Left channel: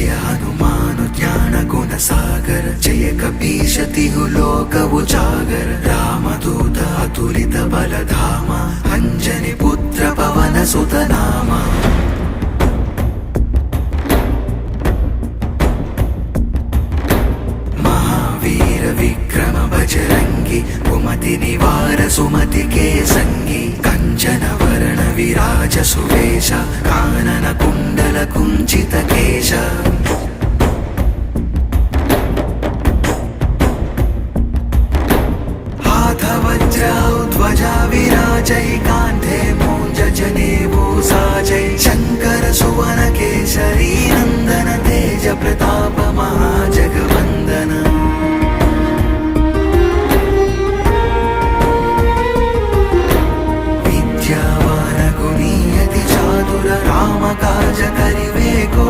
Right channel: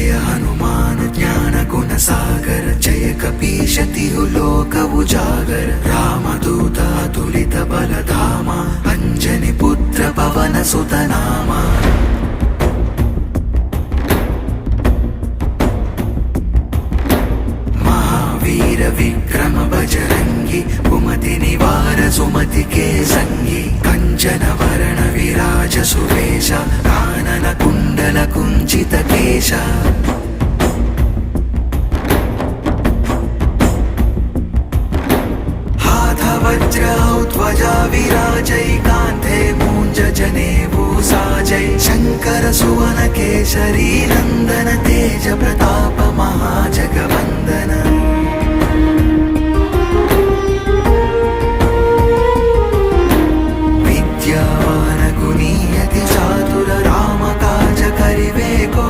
जय हनुमान ज्ञान गुण सागर जय कपीश तिहु लोक उजागर रामदूत अतुलित बलधामा अंजनी पुत्र पवन सुत नामा महावीर विक्रम बजरंगी कुमति निवार सुमति के संगी कंचन वरण विराज सुवेश कानन कुंडल कुंचित केश हाथ वज्र ध्वजा विराजै कांधे मूंज जनेऊ साजै शंकर सुवन केसरी नंदन तेज प्रताप महाजगवंदन